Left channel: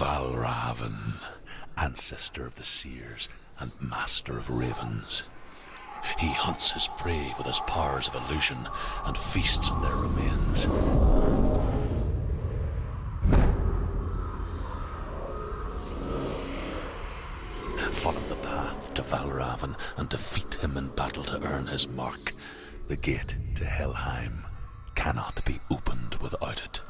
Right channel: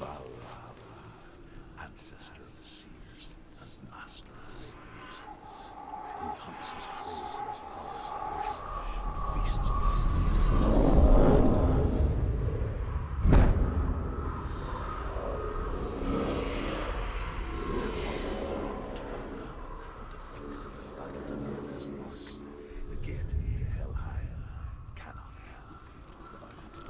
Valravn, ancestor of the seers and master of ravens. He hunts his prey with his powers of illusion and feasts on their remains. Follow the path to Valravn and defeat him in battle to earn his mark. The gate to Helheim cannot be opened without it.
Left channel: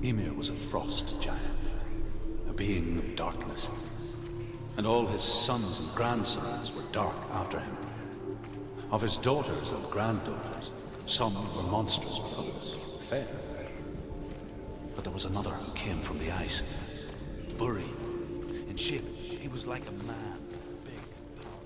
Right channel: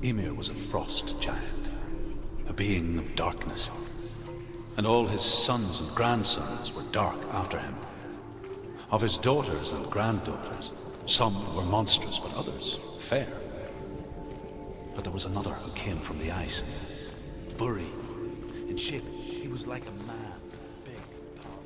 Ymir was a frost giant, a being of darkness, and all his sons and grandsons were dark after him. Of his daughters and granddaughters, some were monstrous, but others fair. But there was another who came from the ice. Buri. In shape, he was like a man, big, powerful.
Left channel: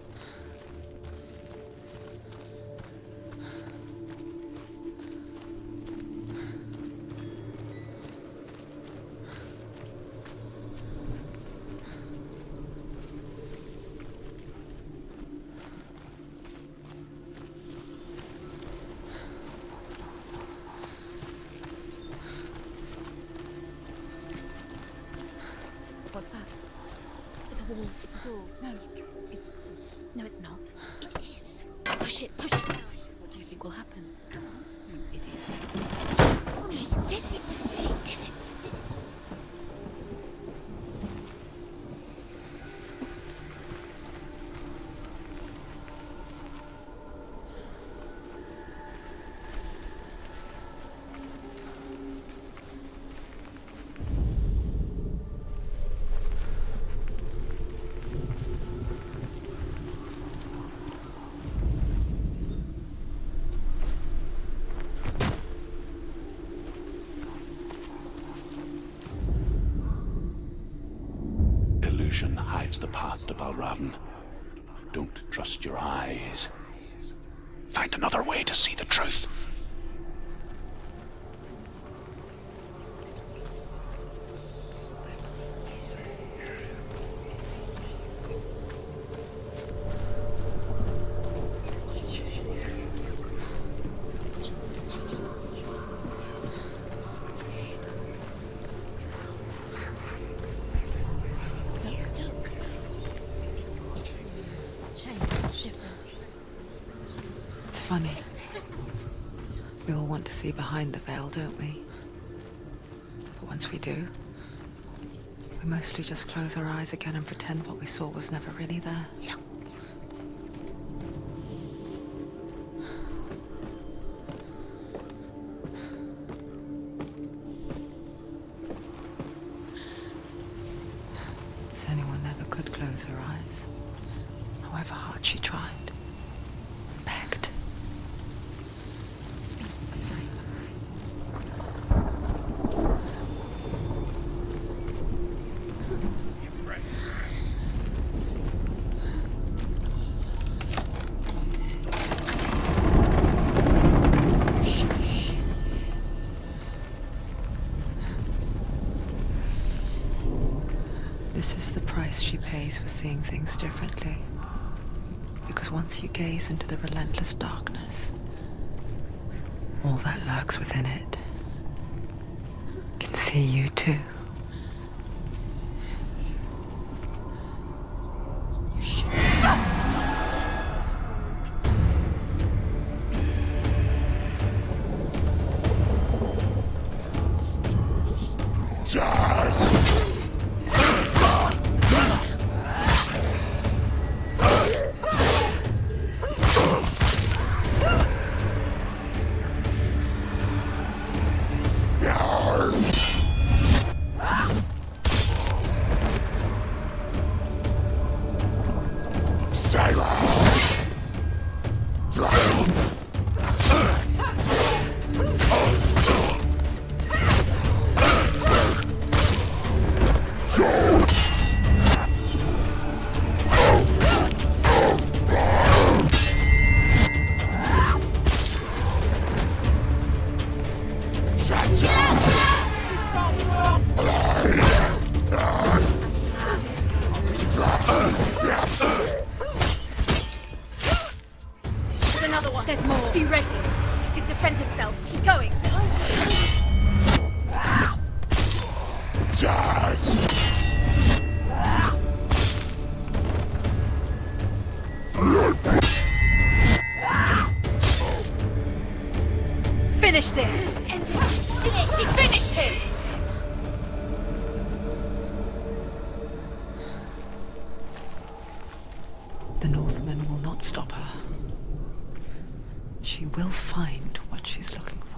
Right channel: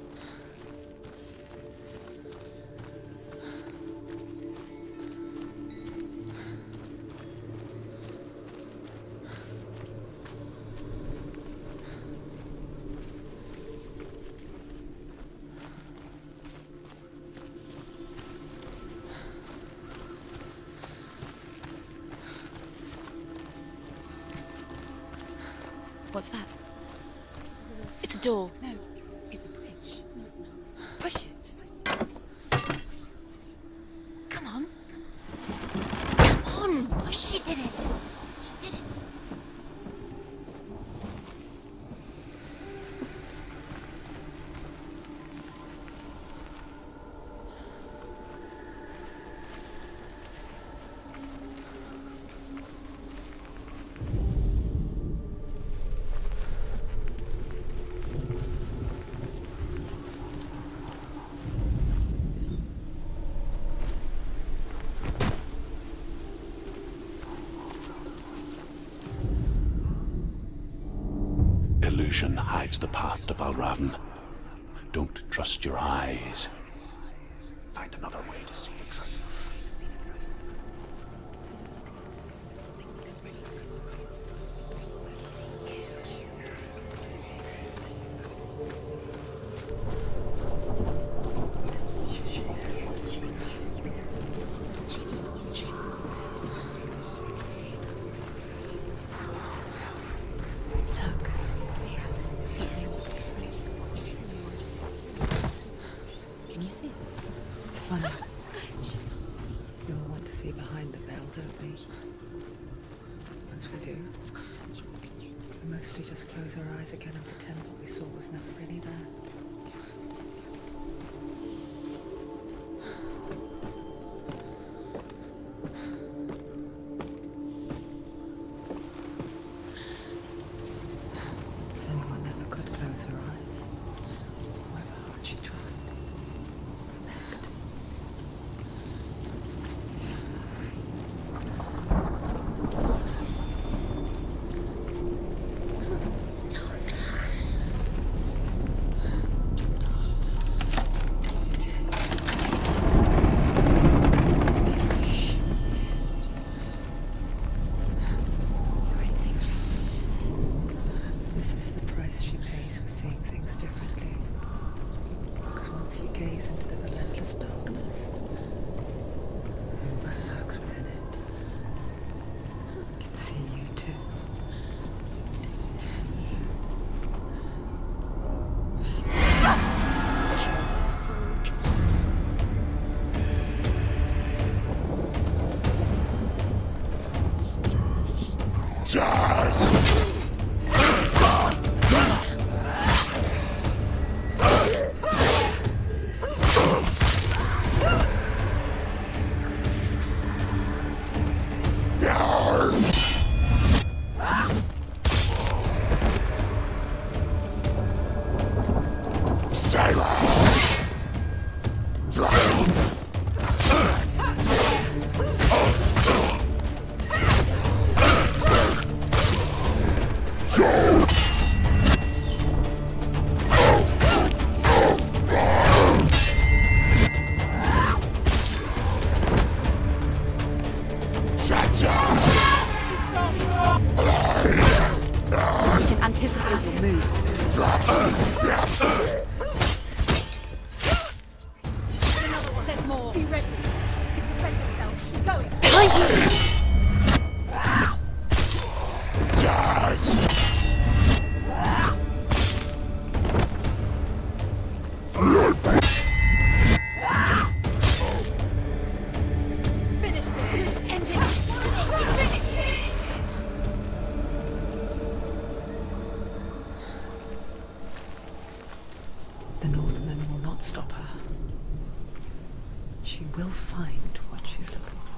What's that? It's a wall. It's a door. No, it's a bridge. No, it's not. Pushes. Push it, push it. What do you think will happen? Come on. Come on. She did it. She did it. She did it. Illusion hides the path to Valravn. Don't trust your eyes. Find another way to see the truth. It's funny. We all want to see behind the veil, don't we? But once we do, we mostly just close our eyes again and pretend what we saw was never really there. Senua never could close her eyes, however hard she tried. Begged. This is the price she pays for seeing things differently. Because once you gaze into the relentless darkness, all that lurks within it can see you too. defend himself. Keep going. Behind you! Finish this! End it! She finished him! The Northmen will not stop her. She will find what she's looking for.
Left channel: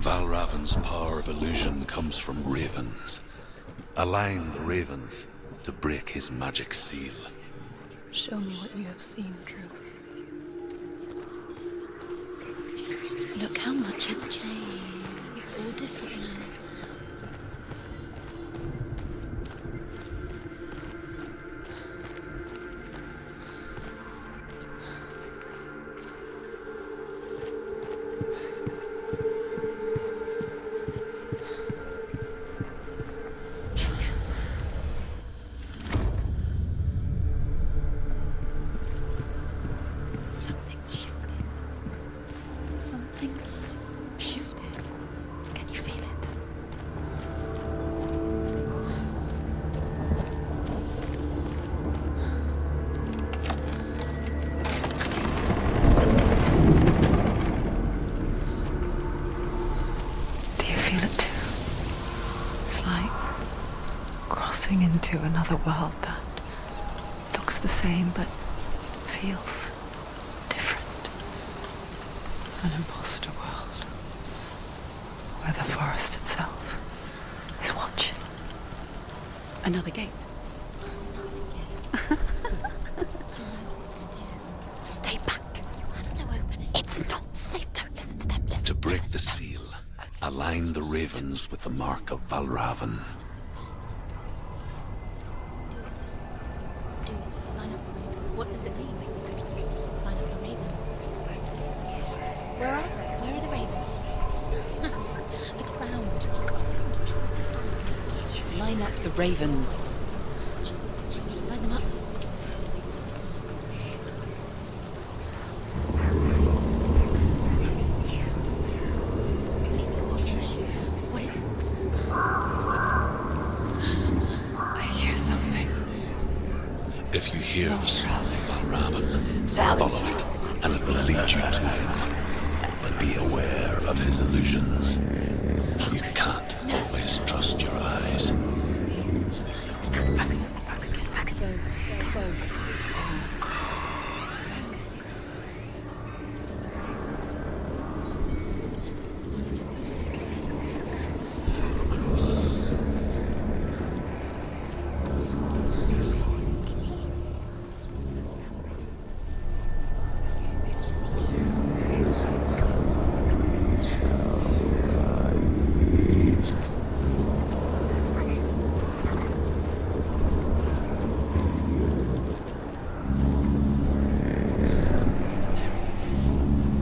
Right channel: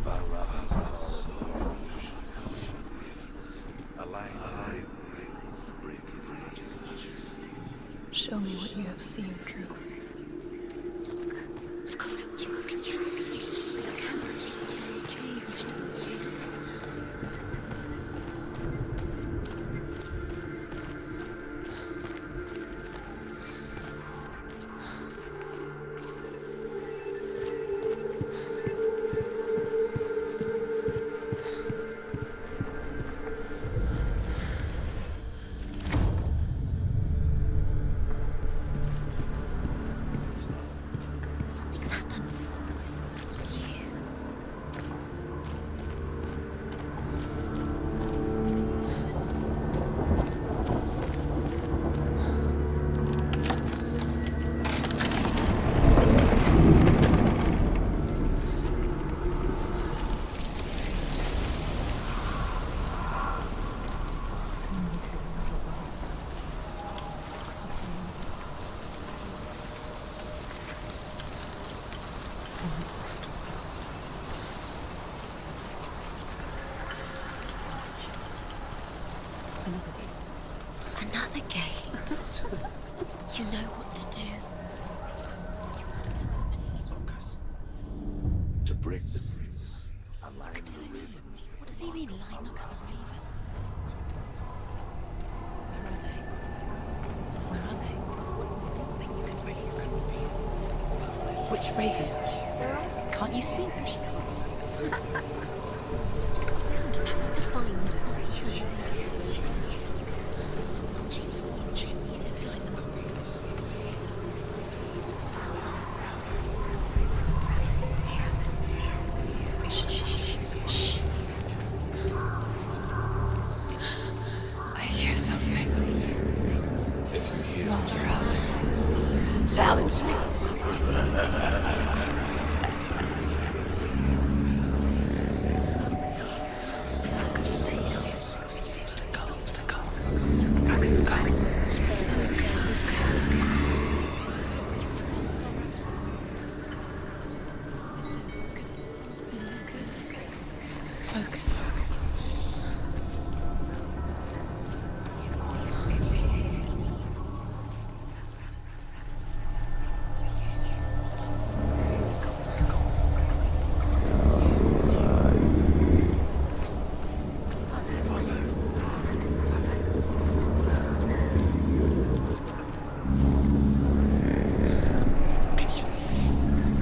Valravan's power of illusion comes from ravens. Align the ravens to break his magic seal. Show me what you have seen, Truth. Look how much it's changed. It's all different. Something's shifted. Something's happened. Something's shifted. Can you feel it? Do you feel it too? It's like crossing into another world that looks the same but feels different. An imposter world where the forest itself is watching. Another gate. Another gate. You know what to do. Stay back. You have to open it. It's not safe. Don't listen to them. Listen. To break the seal, align the ravens with the mark of Valravan. What does it mean? Which ravens? Where are they? Can't you see them? Look around. Look around. Try to find. Line up the ravens. Line them up. Shh, shh, shh, shh. What is it? I hear something. If you hear us, Valravan. silence and it will lead you to him. Be aware of his illusions. You can't always trust your eyes. Focus.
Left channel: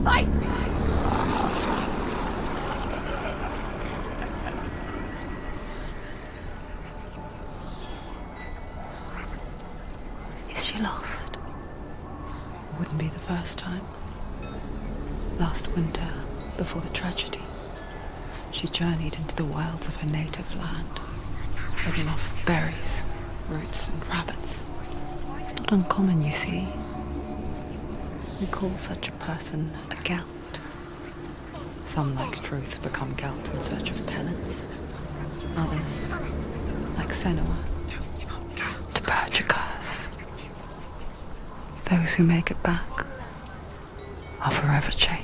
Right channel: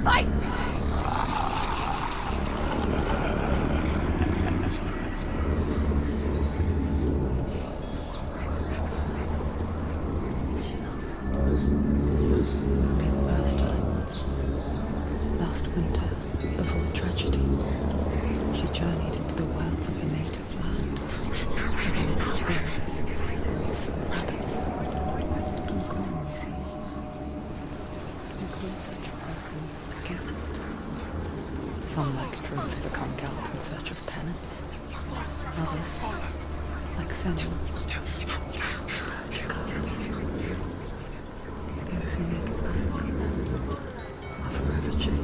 Fight me! Is she lost? Wouldn't be the first time. Last winter, before the tragedy, she journeyed into the wilds of her native land, looking for berries, roots, and rabbits. It's not uncommon, you see. We call such a person a gallant. Some, like Truth, become gallant in search of penance. Others, like Senua, to purge a curse. Those who make it back are forever changed.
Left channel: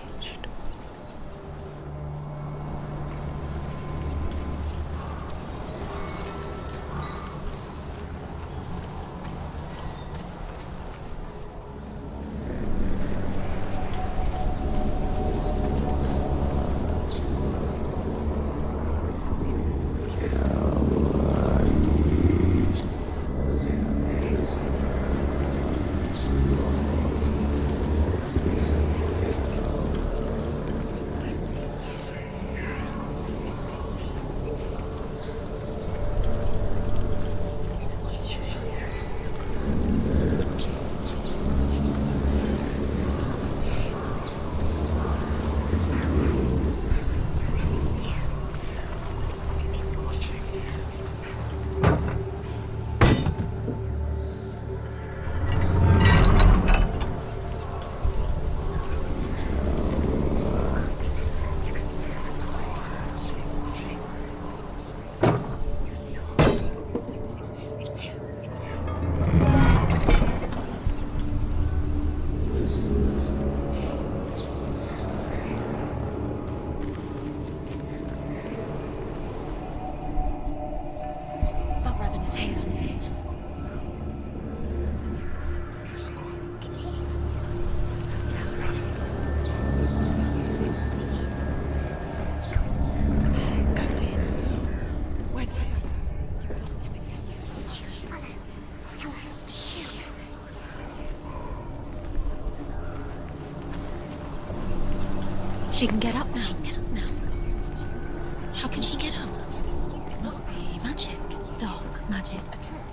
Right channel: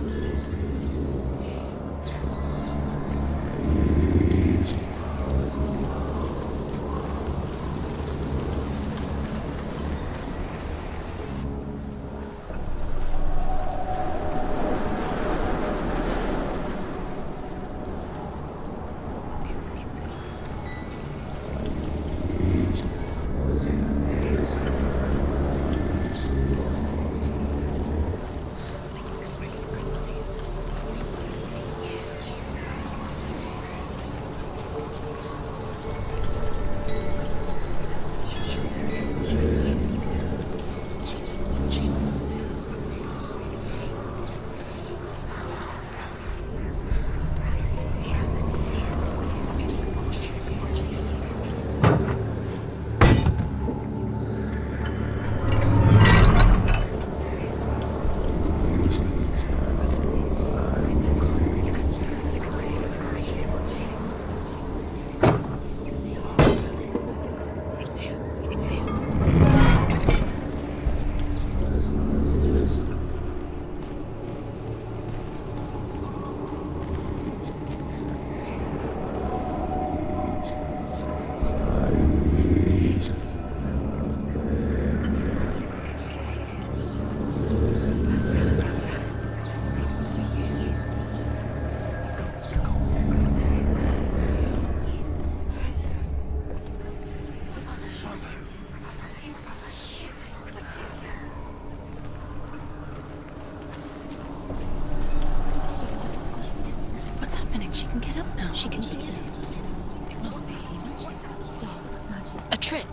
She can get up now. She can get up now. What's happening? She can get up now. She can get up. It must be magic. Dark magic. A trick.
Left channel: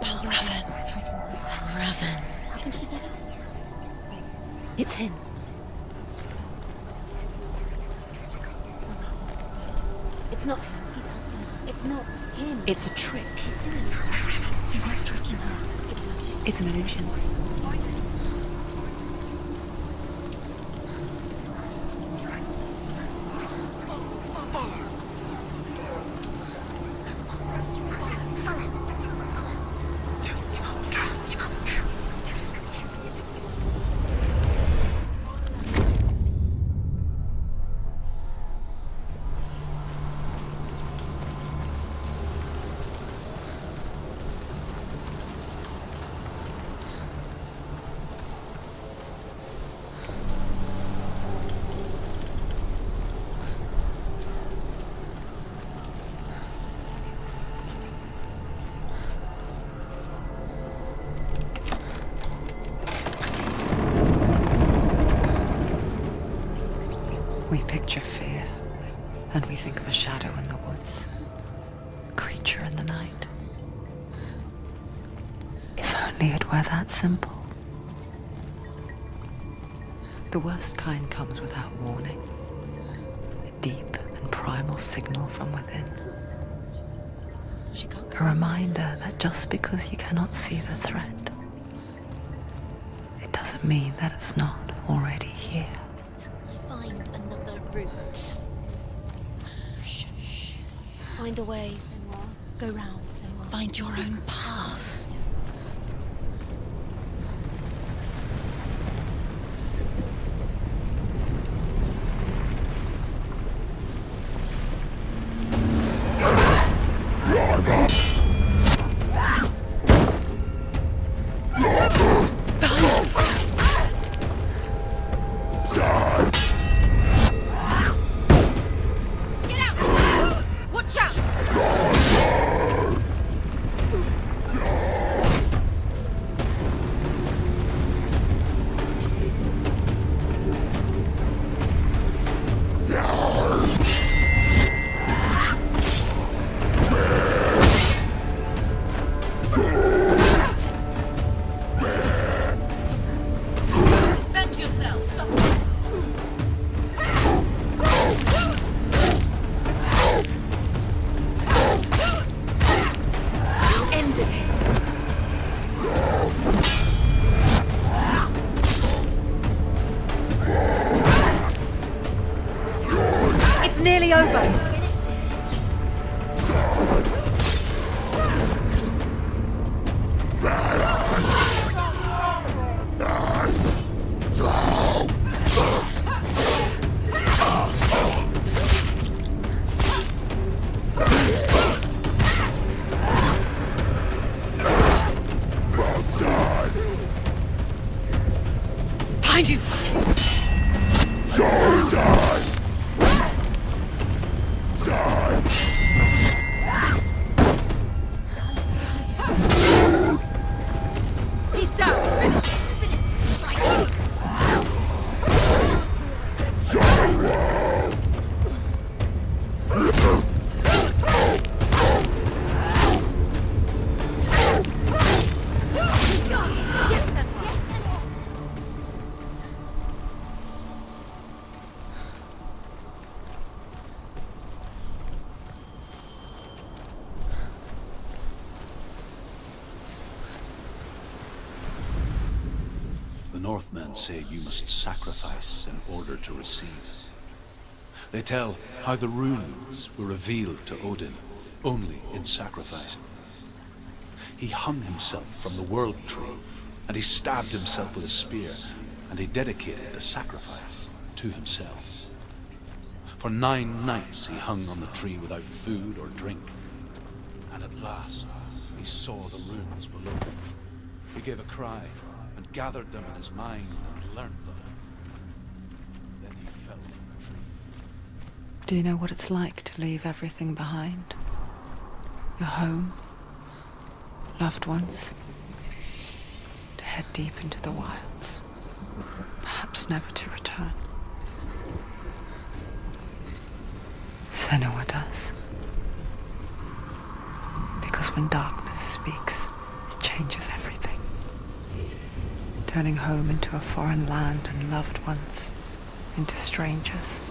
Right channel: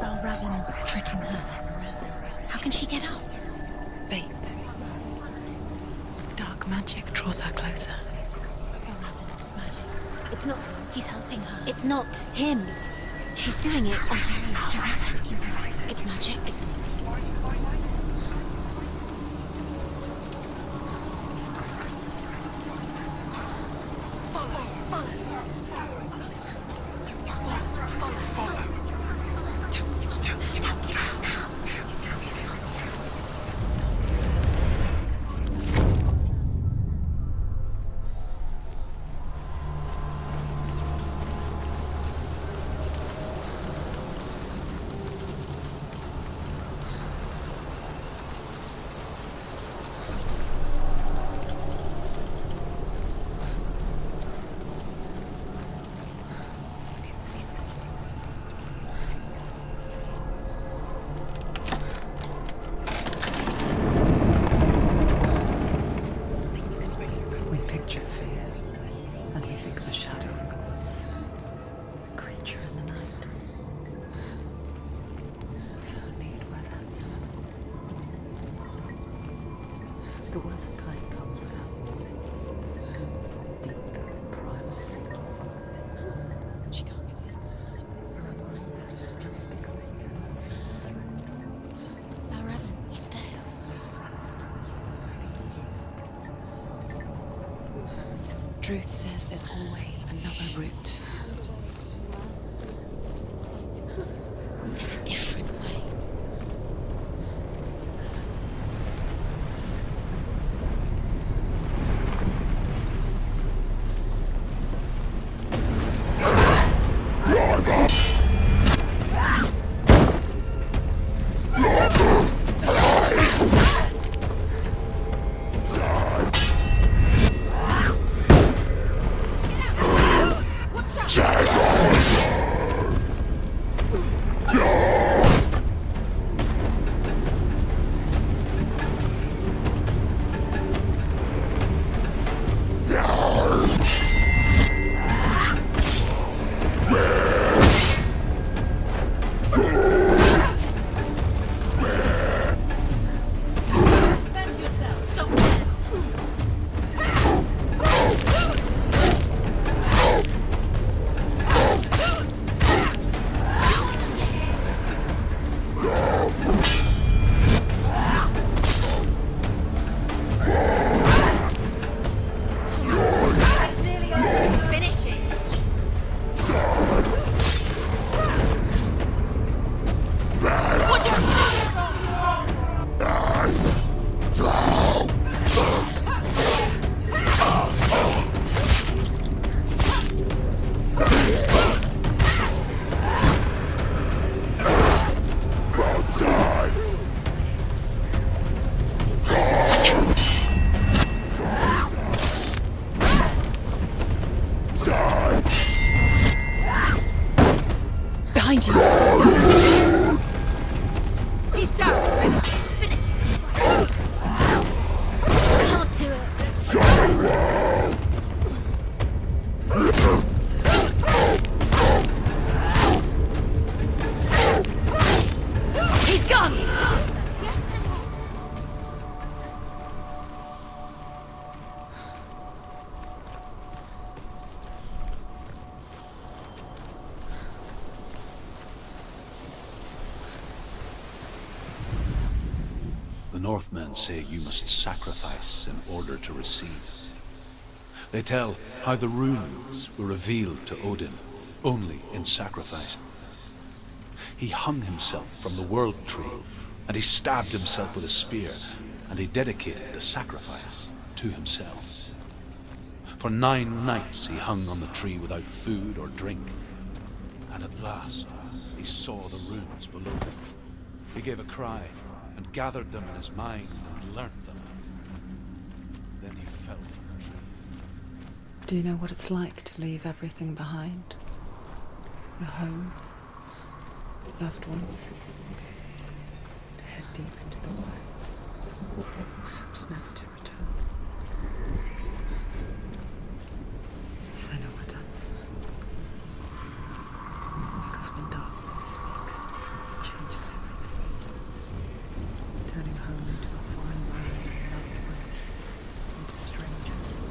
Valravan. Tricking her. Valravan. How can she get up? Bait. It's him. Dark magic draws her closer. It's not him. He's helping her. It's not him. It's a trick. She's doing it. You're not tricking her. It's magic. It's an illusion. We picture fear, and we think of a shadow in the woods, a creature in the night. If only it were that simple. The worst kind comes without warning, a deep and primal signal from within. A reminder that just because you cannot see the threat, it doesn't mean that it's not already here. Find another route. Truth says there's always another route. Find a way, Senua. Go round, Senua. Find your own path. There's a different way. Northmen say you must sacrifice in order to receive. They tell how the runes were revealed to Odin only in sacrifice. He hung himself from the world tree, and he stabbed himself with a spear, and he dedicated the sacrifice to himself. For 9 nights he hung on the tree without food or drink, and at last he saw the runes below him. He gave a cry, and gathered them in his mind and learnt them. Then he fell from the tree. Do you know what it's like to leave everything behind? Your home, loved ones, to head deep into the wilds, perhaps never to return. Senua does. Because when darkness speaks, it changes everything. Turning home into a foreign land and loved ones into strangers.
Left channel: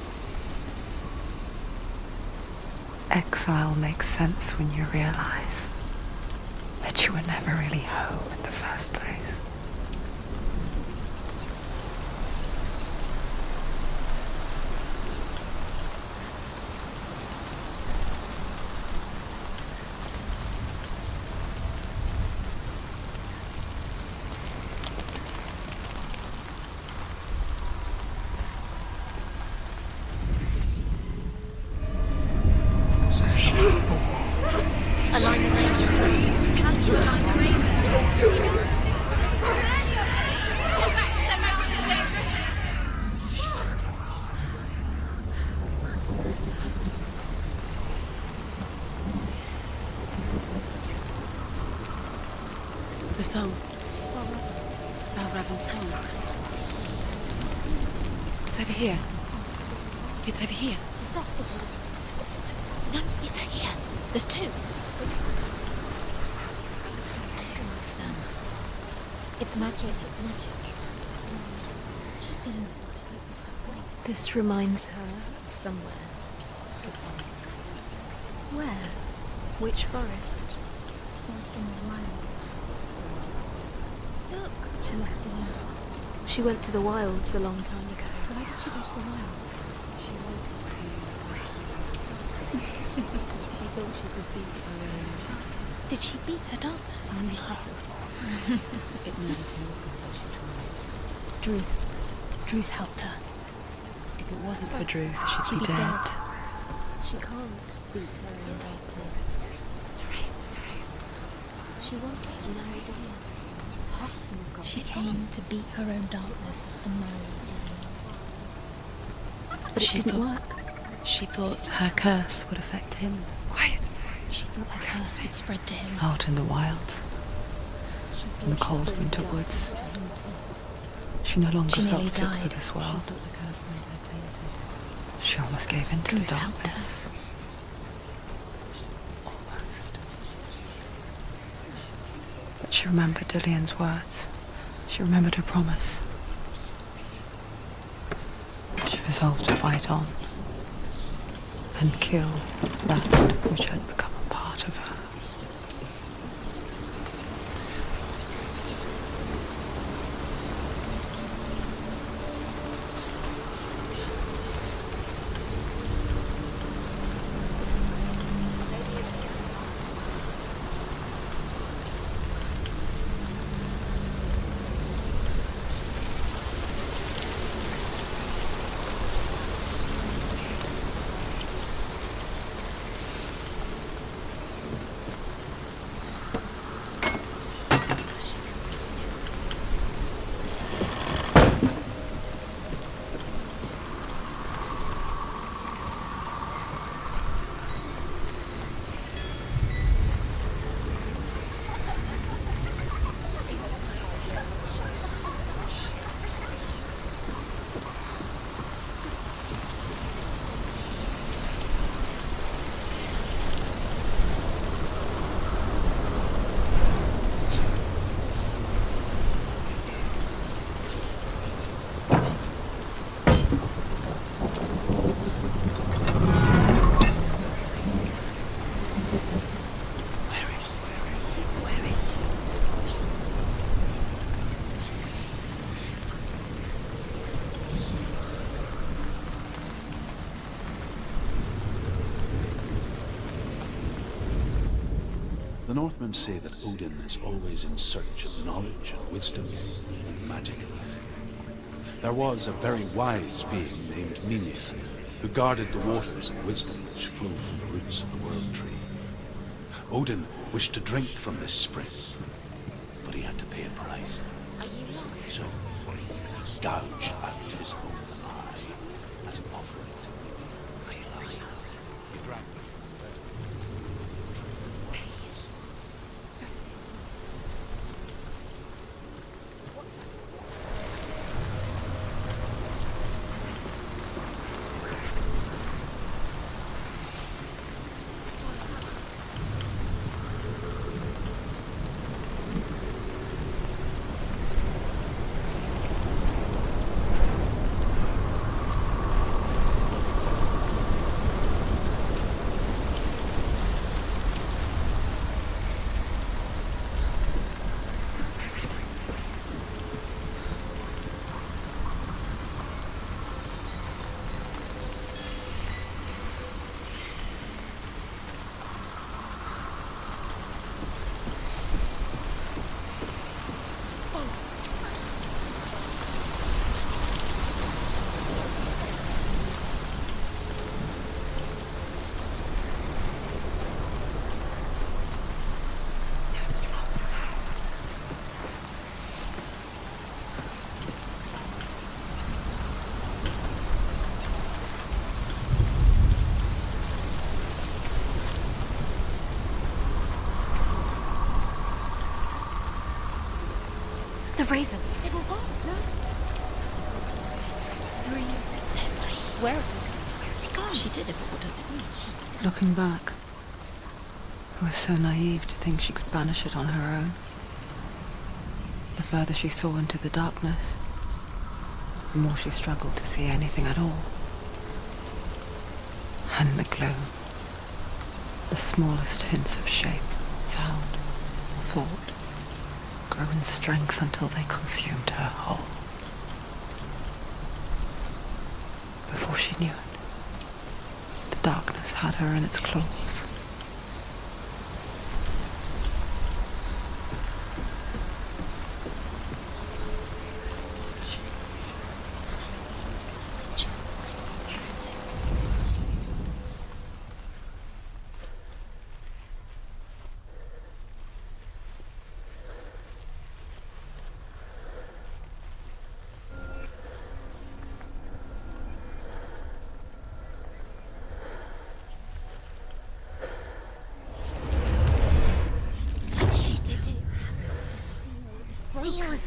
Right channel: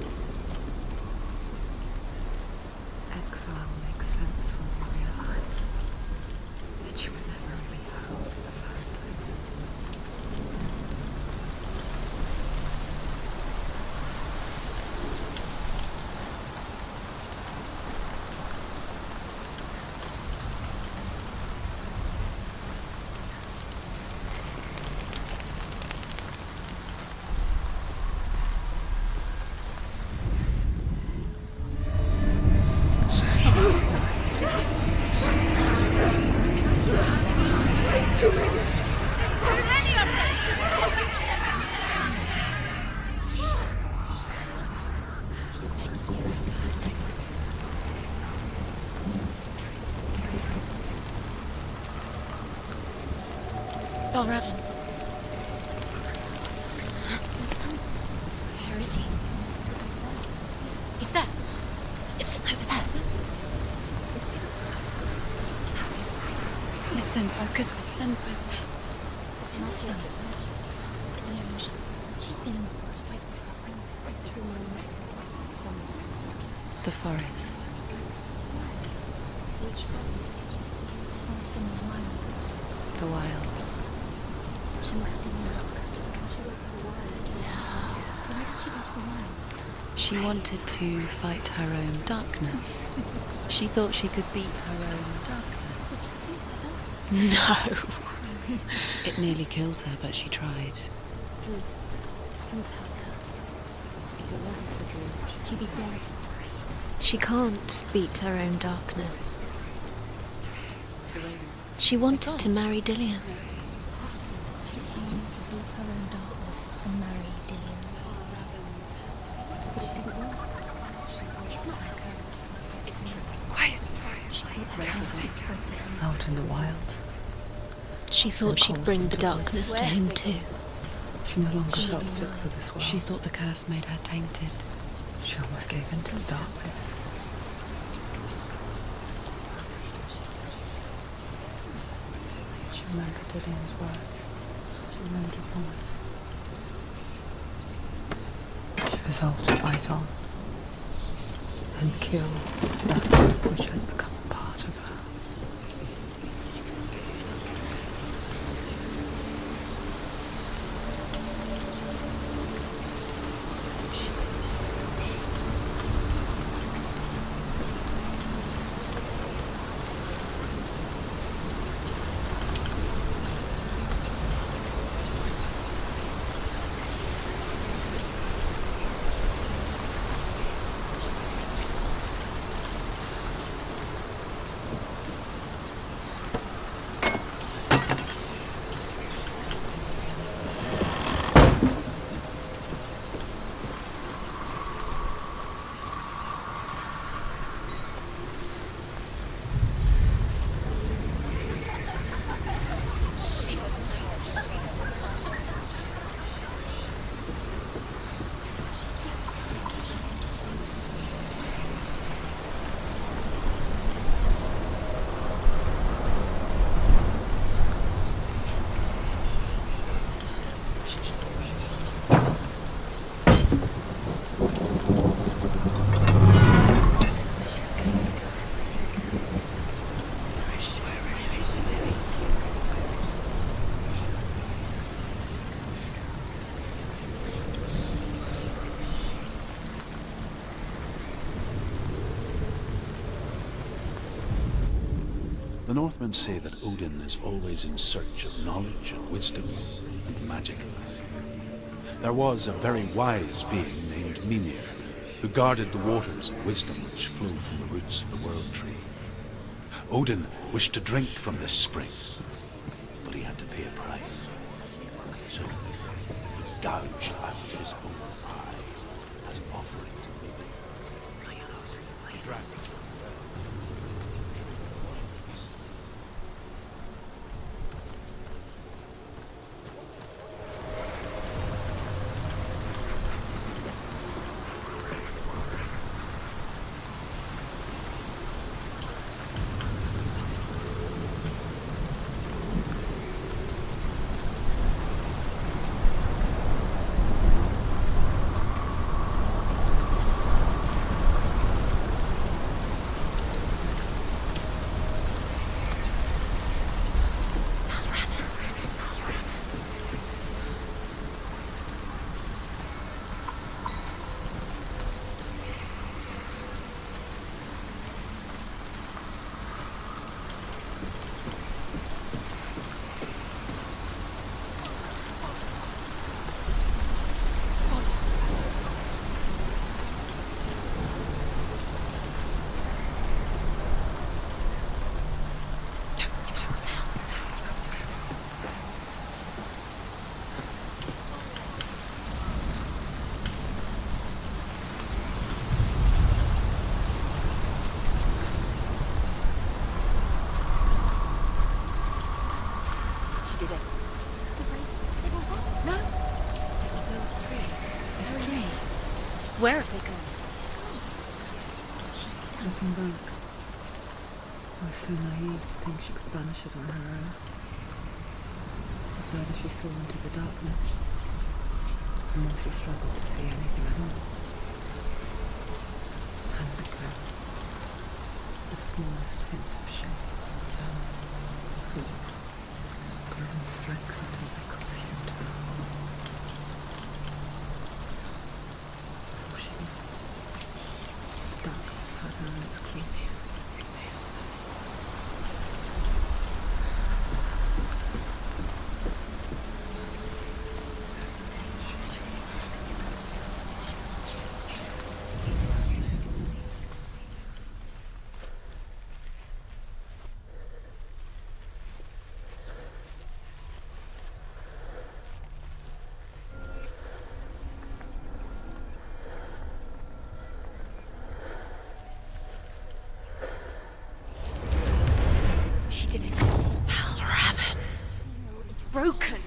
Exile makes sense when you realize that you were never really home in the first place. The song. Balravan's song. It's over here. It's over here. Is that? It's over there. No, it's here. There's two. Listen, focus. Listen. It's magic. It's magic. It's an illusion. She's been in the forest like this before. This reminds her of somewhere. The forest. Where? Which forest? Forest in the wild. The wilds. She left in the dark. She went to the wilds a long time ago. Why did she go to the wild? She wanted to fight her own darkness. She thought she could beat her own darkness. Did she beat her darkness? No. It nearly killed her, but she tried. Druth helped her. If it wasn't for Druth, she'd She'd be be dead. dead. She can't beat her own darkness. She wanted to marry Dillian. She aimed to beat her own darkness and marry Dillian. But it didn't work. She thought her curse would affect him. Quiet! She thought her curse would spread to him. Out in the wilds, She thought she'd cold bring the winter darkness to him too. she no longer She felt nearly fit for died. this world. She thought the curse made her tainted. She almost gave in to the Druth helped her. darkness. But she remembered Dillian's words. She remembered her promise. She resolved to fight on and kill that which had become a part of her. The Northmen say that Odin is always in search of knowledge and wisdom and magic. There was a very wise being named Mimir, who guarded the waters of wisdom which flow from the roots of the world tree. Odin wished to drink from this spring, but he had to pay a price. So he gouged out his own eye as an offering to Mimir. He drank it. ravens. They were what? No. There's still three. There's three. There's three. Where have they gone? They're gone. She did it. What does it mean? She did it. Looking back, I was so naive to think she could banish it on her own. The further she saw into the darkness, the more she struggled to see anything at all. And the glow, the smallest hints of shape, sound, or thought, grew in strength until they consumed her whole. Before she knew it, the darkness had her in its claws.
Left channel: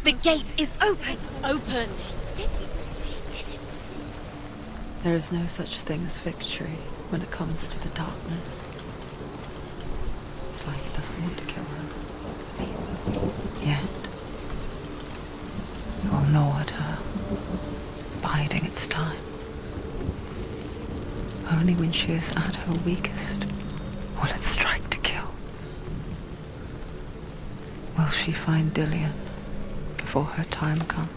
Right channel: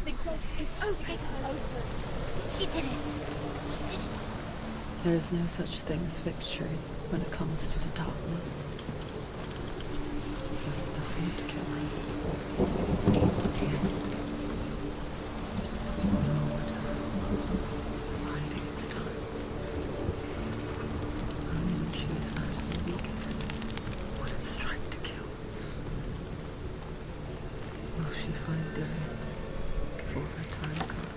The gate is open! Open! She did it! There is no such thing as victory when it comes to the darkness. It's like it doesn't want to kill her. Yet, it will gnaw at her, biding its time. Only when she is at her weakest will it strike to kill. Will she find Dillian before her time comes?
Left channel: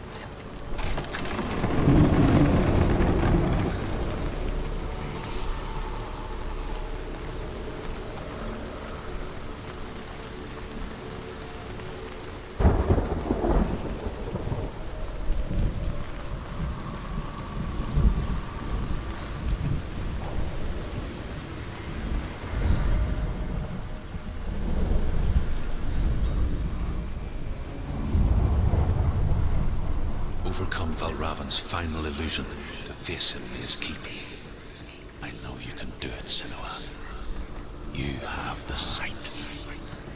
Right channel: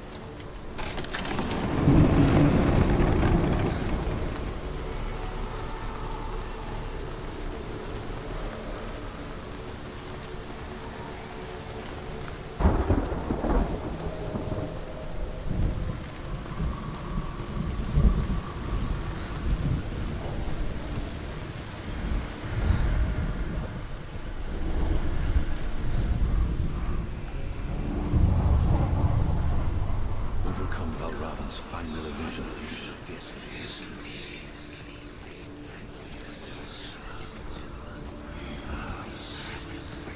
Overcome Valravan's final illusion to face him in his keep. I know you can do it, Senua. You have the sight.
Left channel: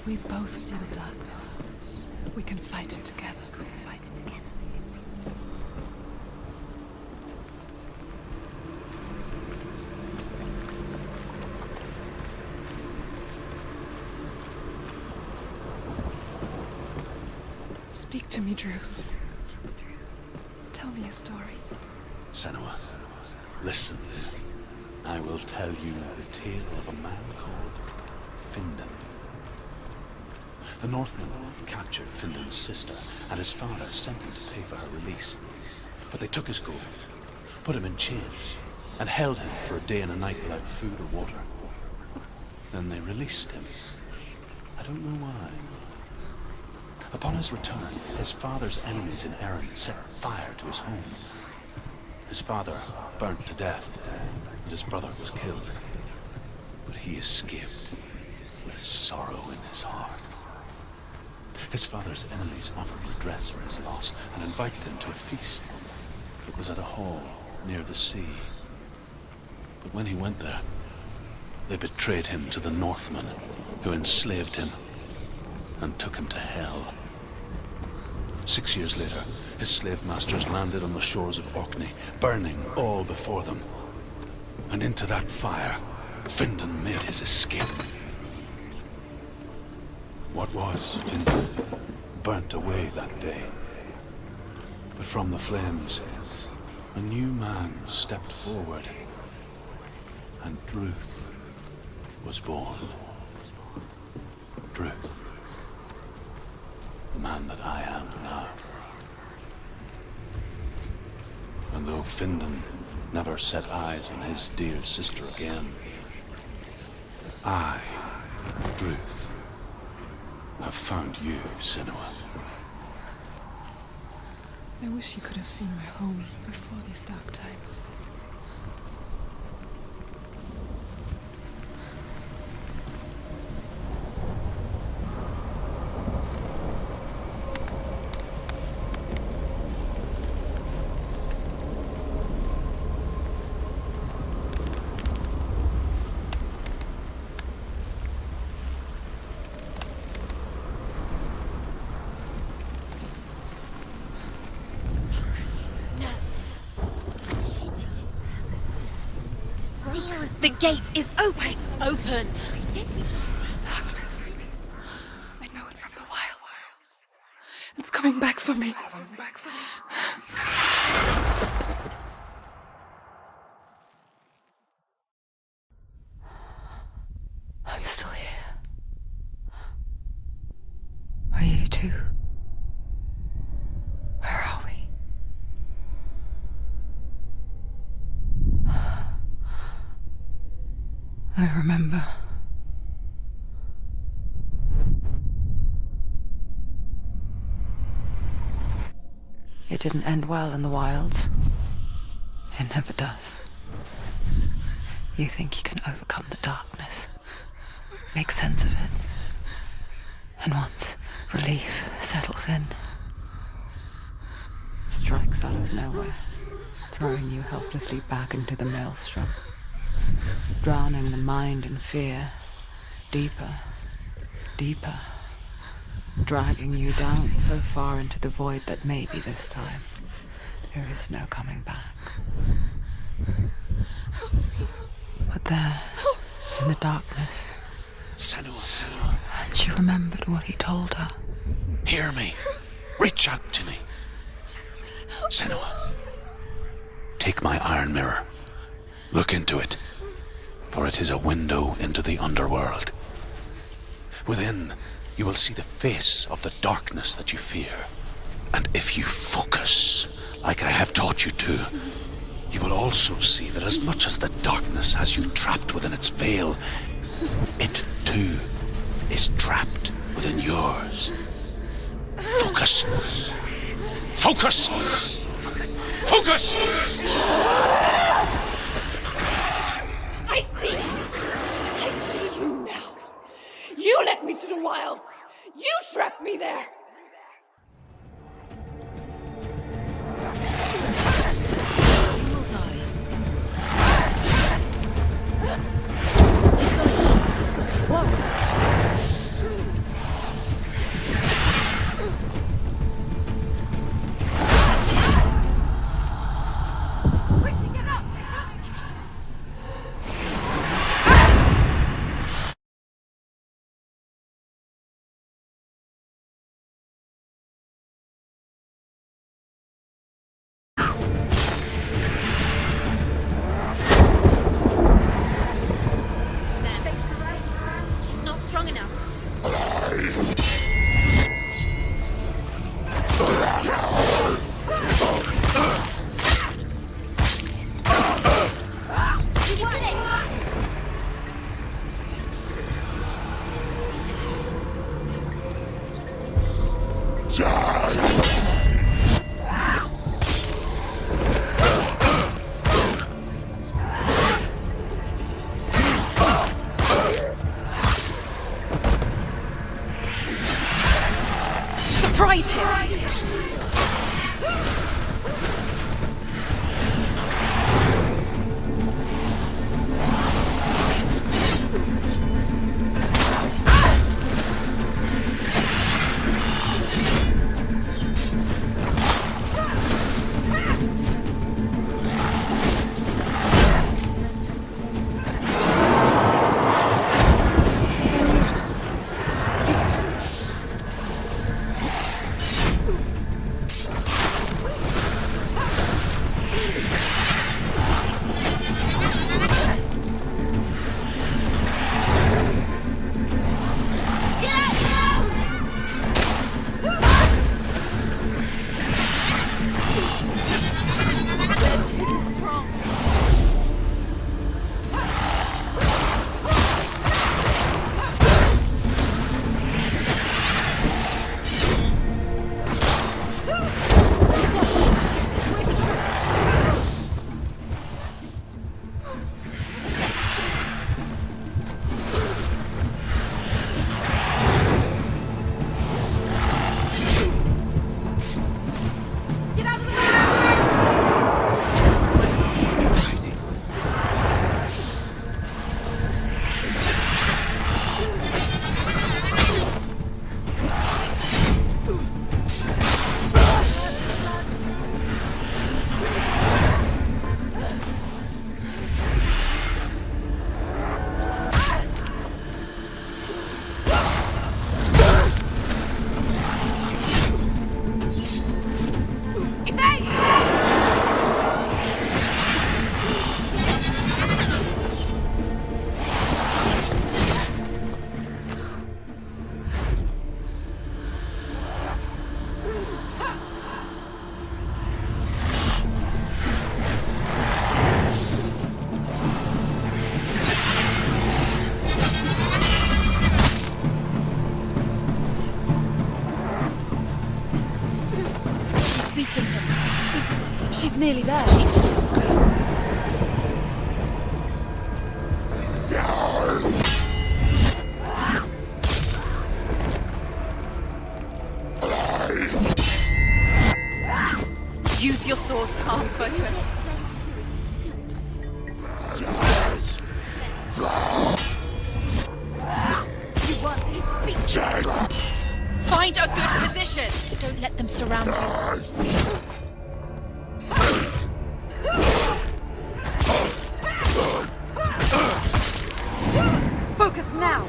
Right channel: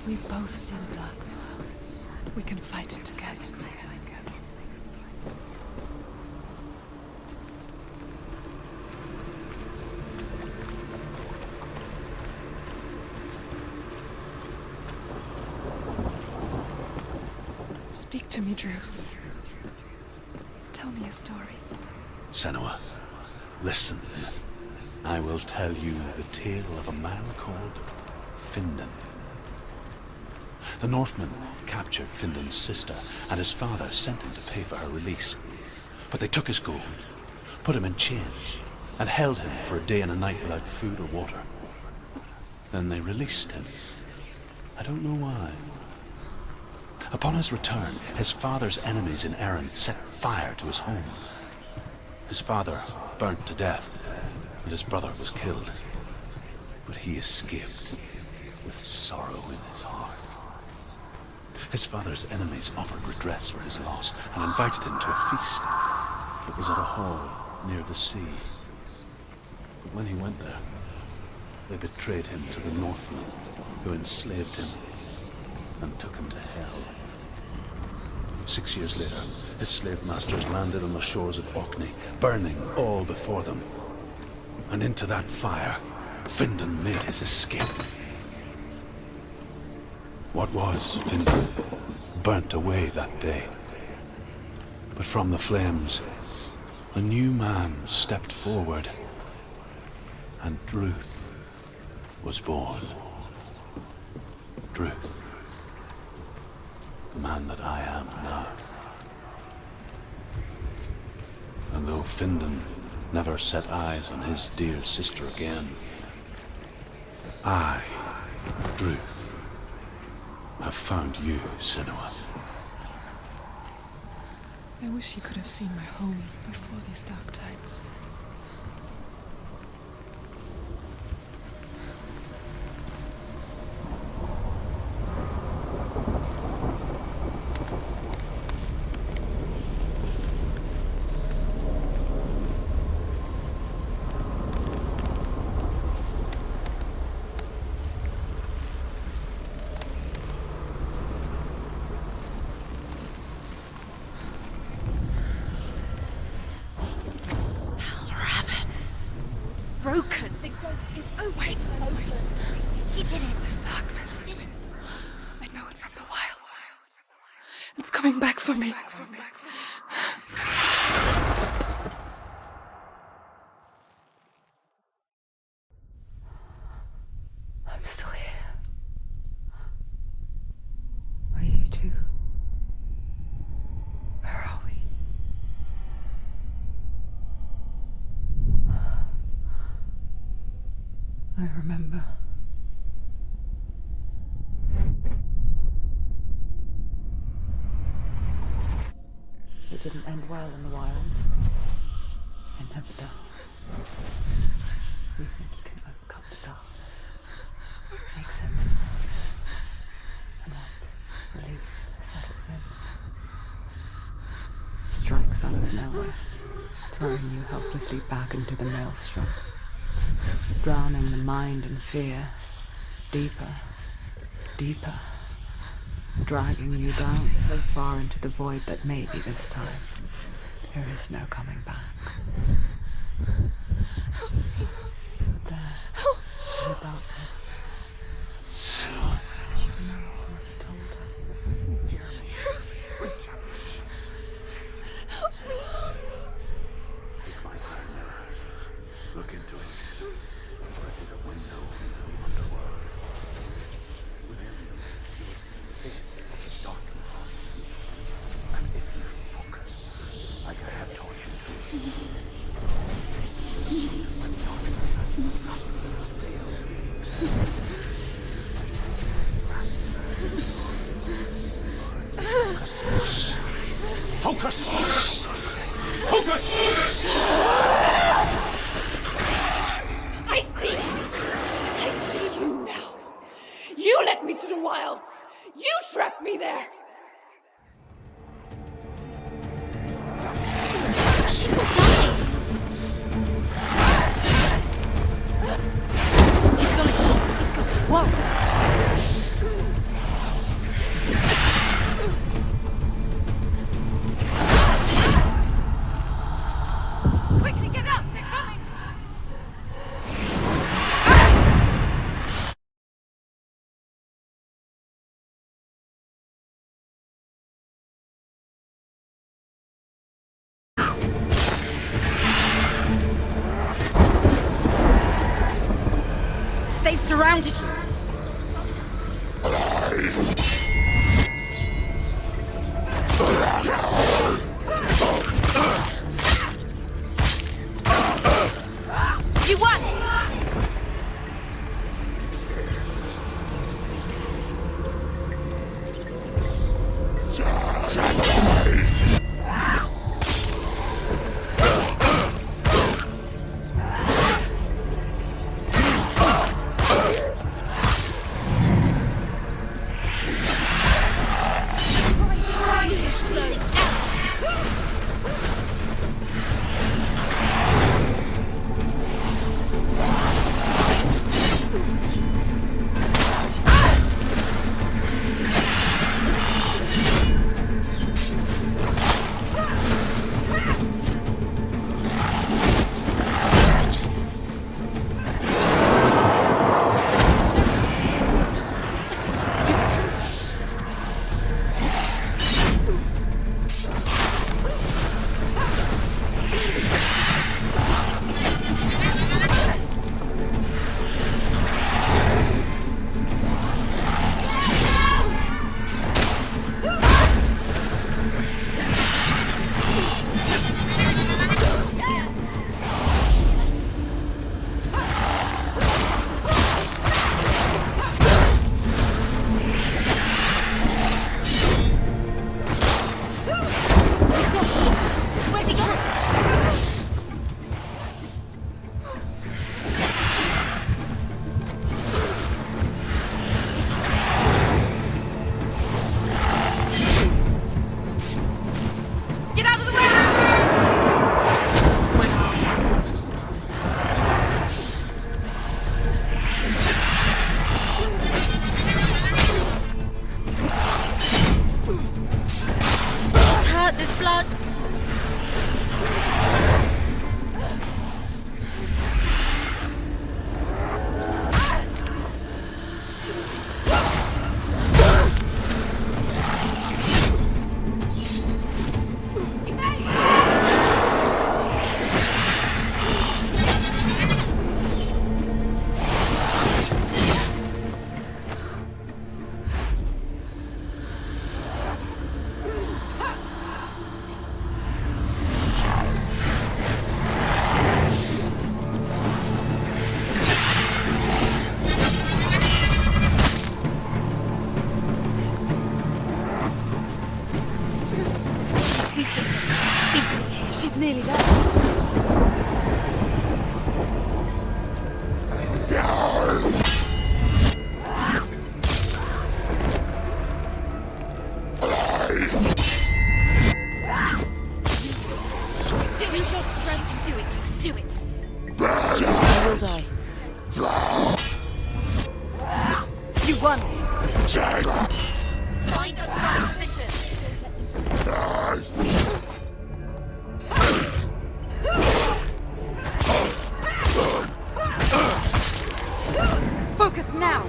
We both see the darkness. We can fight it together. Speak to me, Druth. Tell me a story. Senua, listen. I will tell you the tale of a man called Findan. The Northmen captured Findan's sister, and his father sent him to pay for her release. But they took his gold, put him in chains, and held him for a day and a night without food or water. Then they released him. I don't know why. Upon his return, his father's enemies in Erin set fire to his home. His father burnt to death, and his brother was killed. But he escaped with sorrow in his heart. His father's enemies offered redress for his loss and invited him to a feast. It was at a hall near the sea. But when he went there, they betrayed him to the Northmen, who enslaved him and took him to hell. 6 years later, his slave masters landed on the shores of Orkney, burning all before them. And into that fire, Findan made his escape. What was Findan burnt away that day. But from the flames, a new man stepped forward, and Druth was born. Druth. The man that I am now. And though Findan never set eyes on his dear sister again, I, Druth, have found you, Senua. I wish you could have seen my home before these dark times. The gate is open. It's open. He did it. This darkness. I know it from the wilds. It's coming back for me. I'm still here. Are you too? Where are we? I remember. It didn't end well in the wilds. It never does. You think you can overcome the darkness, make sense of it, and once relief settles in, it strikes out of nowhere, throwing you helplessly back into the maelstrom, drowning the mind in fear, deeper, deeper, dragging you down so far into the void that maybe this time there is no coming back. But there, in the darkness, Senua, she remembered what he told her. hear me. Reach out to me. Senua, take my iron mirror. Look into it, for it is a window into the underworld. Within, you will see the face of the darkness that you fear. And if you focus, like I have taught you to, you will also see that as much as the darkness has you trapped within its veil, it too is trapped within yours. Focus. Focus! Focus! I see you now. You led me to the wilds. You trapped me there. Quickly get up. They're coming. They've surrounded you. She's not strong enough. You won it! Surprise him! She's nearly there. Use your sword. Use your strength. Do it. Do it. You won this defeat. Find a good position. Don't let them surround you. Focus now.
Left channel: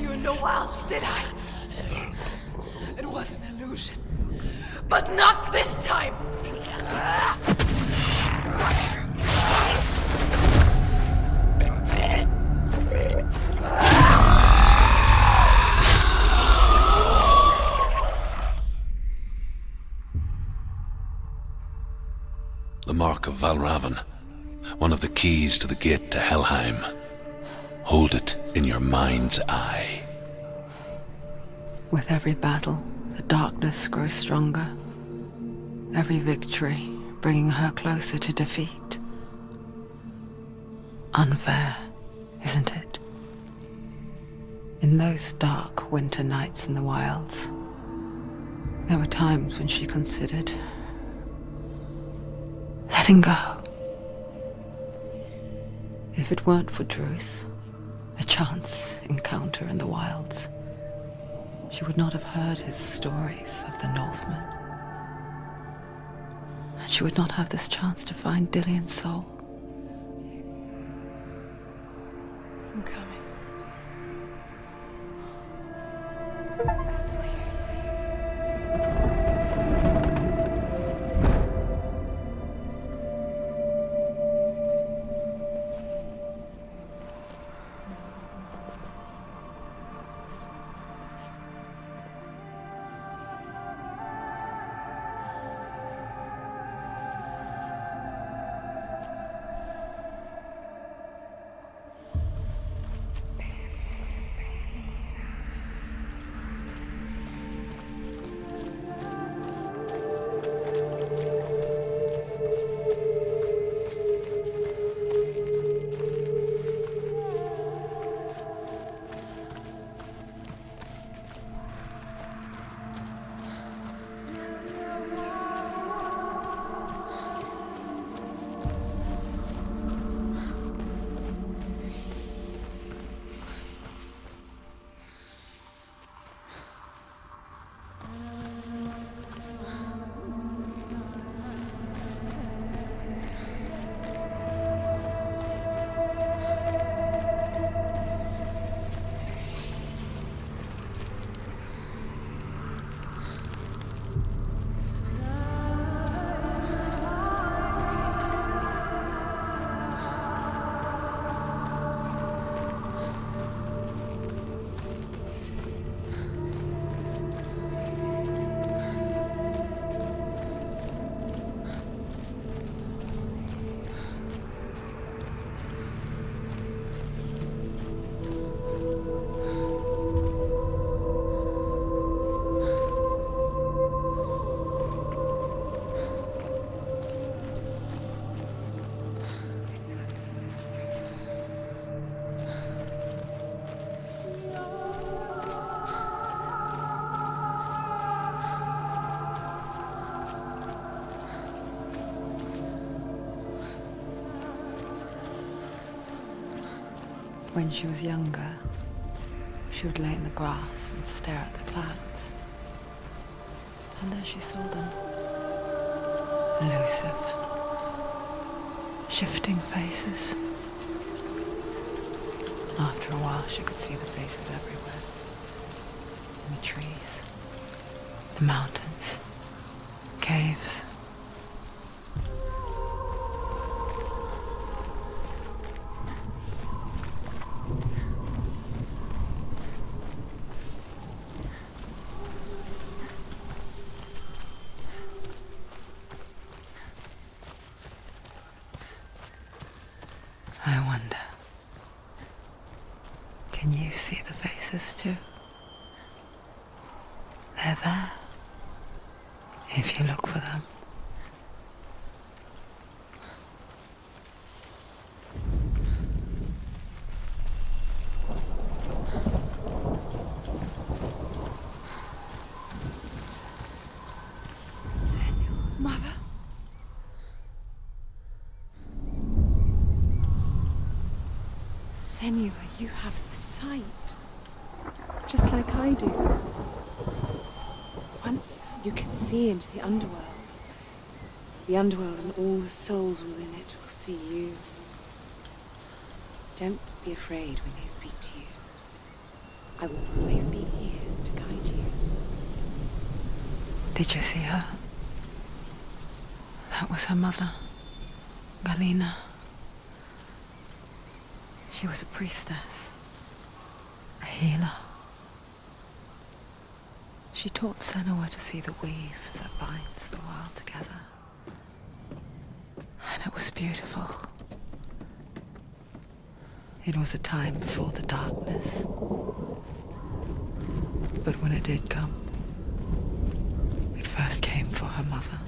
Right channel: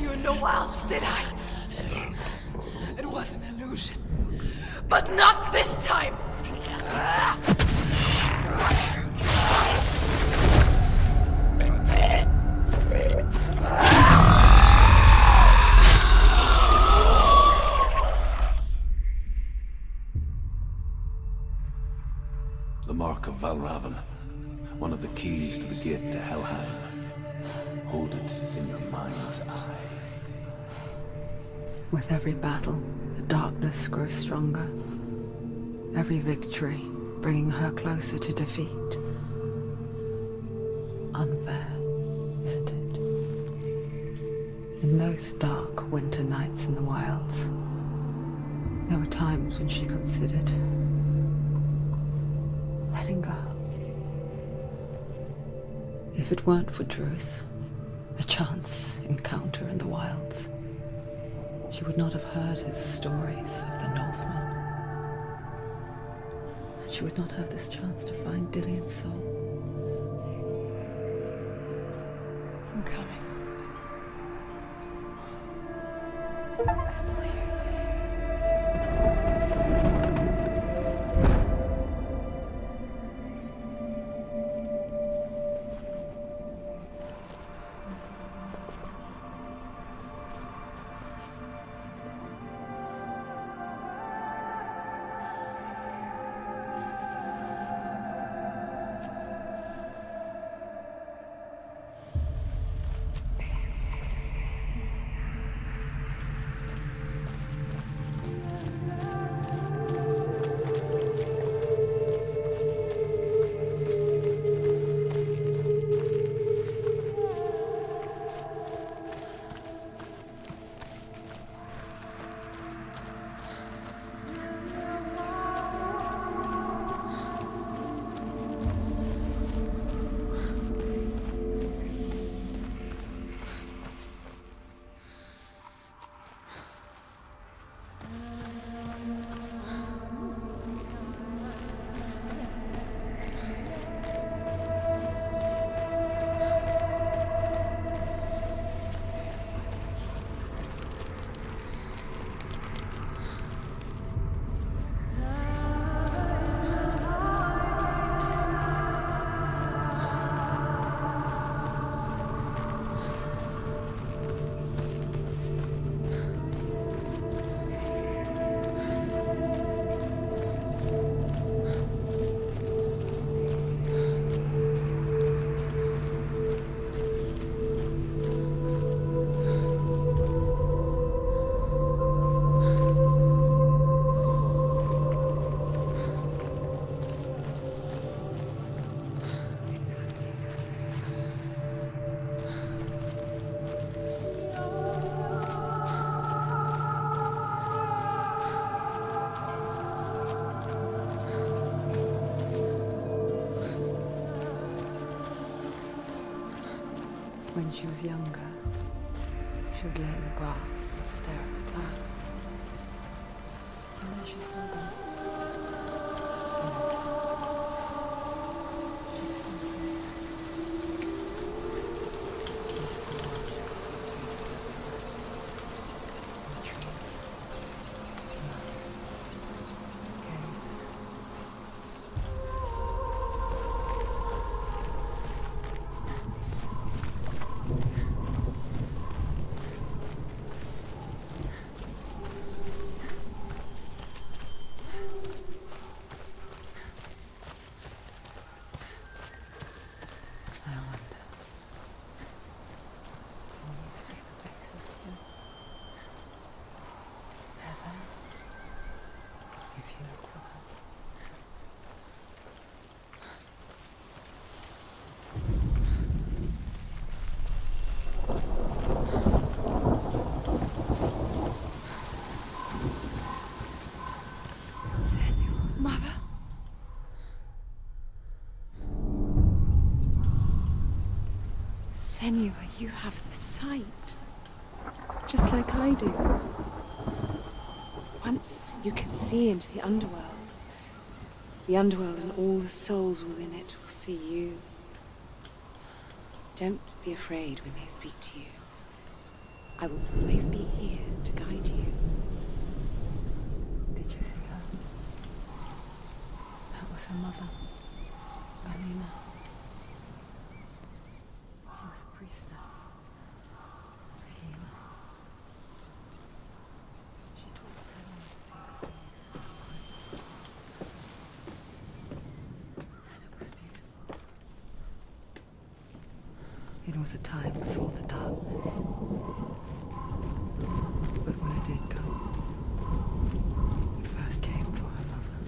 You in the wilds, did I? It was an illusion. But not this time! The mark of Valravan, one of the keys to the gate to Helheim. Hold it in your mind's eye. With every battle, the darkness grows stronger. Every victory bringing her closer to defeat. Unfair, isn't it? In those dark winter nights in the wilds, there were times when she considered letting go. If it weren't for Druth, a chance encounter in the wilds, she would not have heard his stories of the Northmen. And she would not have this chance to find Dillion's soul. I'm coming. I still hear you. When she was younger, she would lay in the grass and stare at the clouds. And there she saw them. Elusive, shifting faces. After a while, she could see the faces everywhere. In the trees, The mountains, caves. I wonder, can you see the faces too? They're there, if you look for them. Mother? Senua, you have the sight. Just like I do. Once you can see into the underworld. The underworld and all the souls within it will see you. Don't be afraid when they speak to you. I will always be here to guide you. Did you see her? That was her mother, Galina. She was a priestess, a healer. She taught Senua to see the weave that binds the world together. And it was beautiful. It was a time before the darkness. But when it did come, it first came for her mother.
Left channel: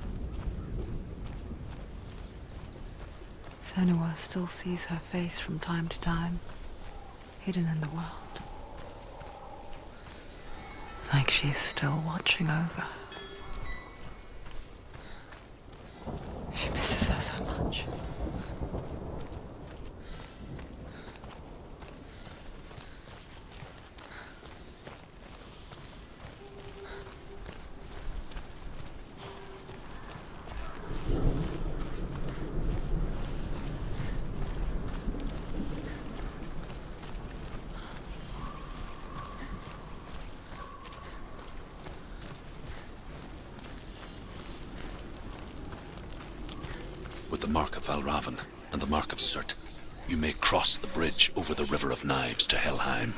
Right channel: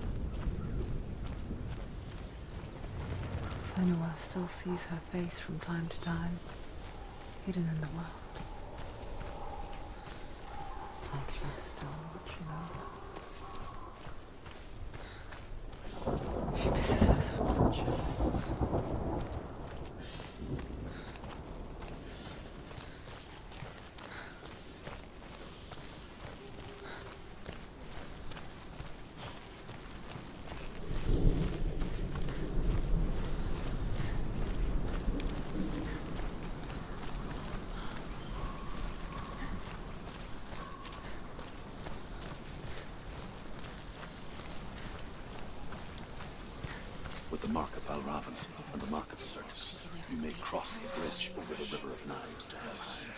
Senua still sees her face from time to time, hidden in the world. Like she's still watching over. She misses her so much. With the mark of Valravan and the mark of Surt, you may cross the bridge over the River of Knives to Helheim.